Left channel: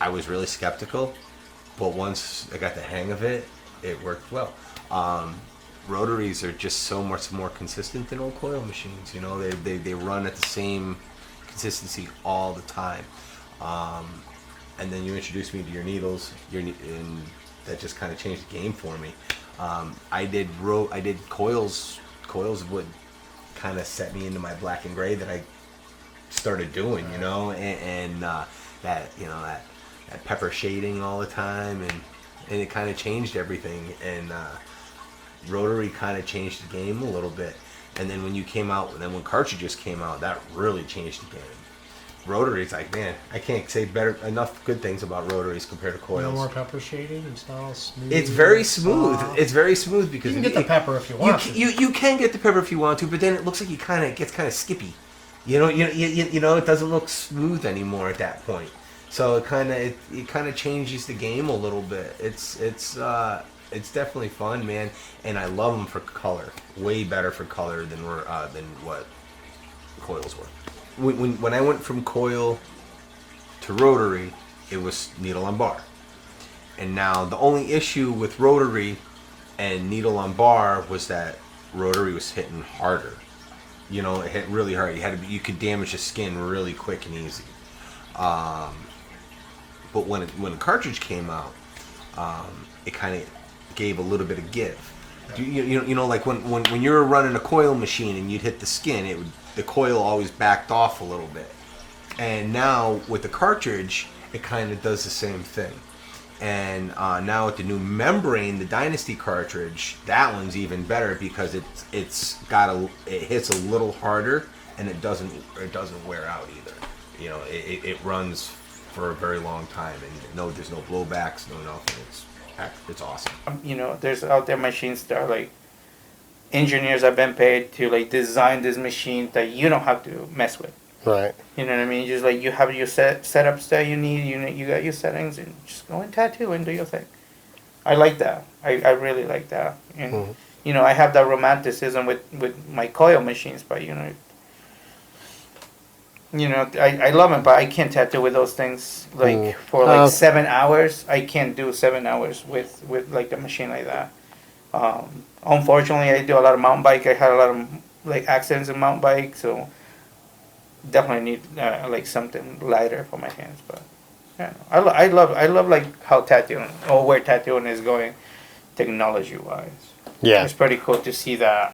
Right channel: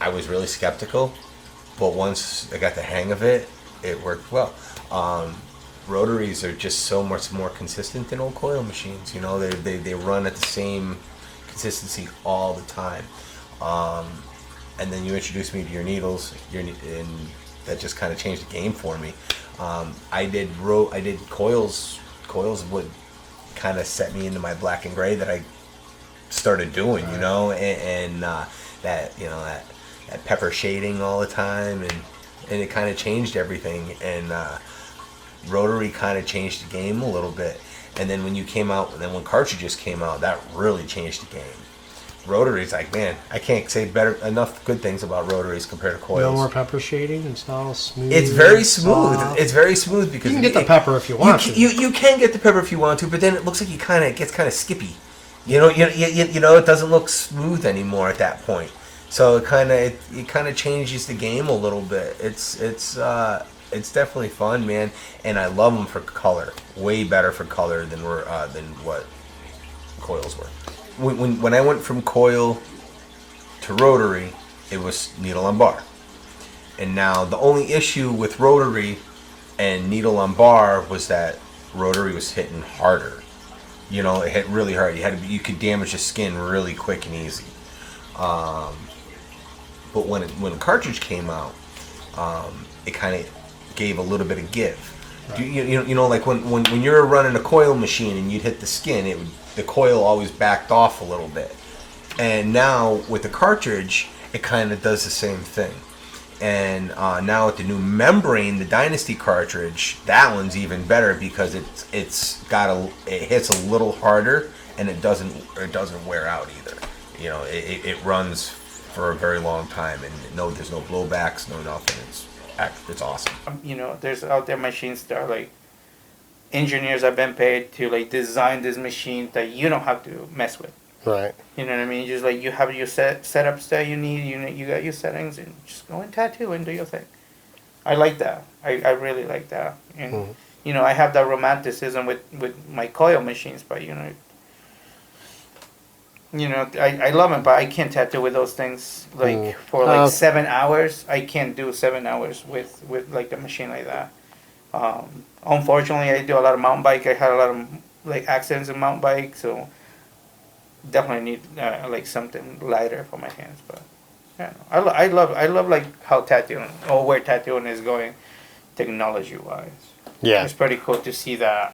I was really skeptical, but once I got the hang of it, it worked well. Rotaries are just so much more consistent than old coil machines. You know, they run at the same consistency all the time. And then you introduced me to your needles, and that just kind of changed the game for me. I did coils. Coils would kind of set me into my black and gray that I started doing, you know, and that, you know, that pepper shading all the time, and it kind of changed everything. And Rotary kind of changed the game a little bit. And then when you came out, and then when cartridges came out, that really changed the game. Rotaries, like, man, I can't say enough good things about rotaries compared to coils. No more pepper shading. It's all smooth. It's very smooth. Soft. It's very smooth because you can get the pepper if you want to. You can get the pepper if you want to, but then it looks like it gets kind of skippy. You know, it doesn't look smooth anymore at that point. So it kind of changes the game a little bit. It's definitely fun, man, and I love them for color. Way better for color than what coils were. When I went from coil to rotary, it was needle on bar. And now the only issue with rotary and needle on bar was that rotary was hitting harder. You know, it hit really hard. You could damage the skin really quick and easy. But when the cartridge came out, it kind of gave a little bit of give. Right. You know, like when you were running a coil machine and you'd hit the skin, the coil always backed off a little bit. And now with the cartridge, it kind of does the same thing. And now with the new membrane, the Dynasty cartridge, that one's even better because it hits a little harder, and it doesn't wear out either. You know, it runs for a very long time, and there's no blowbacks, no nothing. It's awesome. You know, there's out there machines that are like, engineers have been paid to like design this machine that you don't have to mess with. Right. You know what I mean? Just like you have your setups that you need, you got your settings, and just go and tattoo and do your thing. I like that. I really like that. And you know, I have that romanticism with my coil machines, but you know, I love them, but I can't tattoo with those things like for like 7 hours. I can't do 7 hours with like a machine like that. Unfortunately, I do a lot of mountain bike. I had a lot of like accidents in mountain bike, so definitely need like something lighter for my hands. But yeah, I love like how tattooing or where tattooing is going, technology wise. Yeah, it's pretty cool to see that.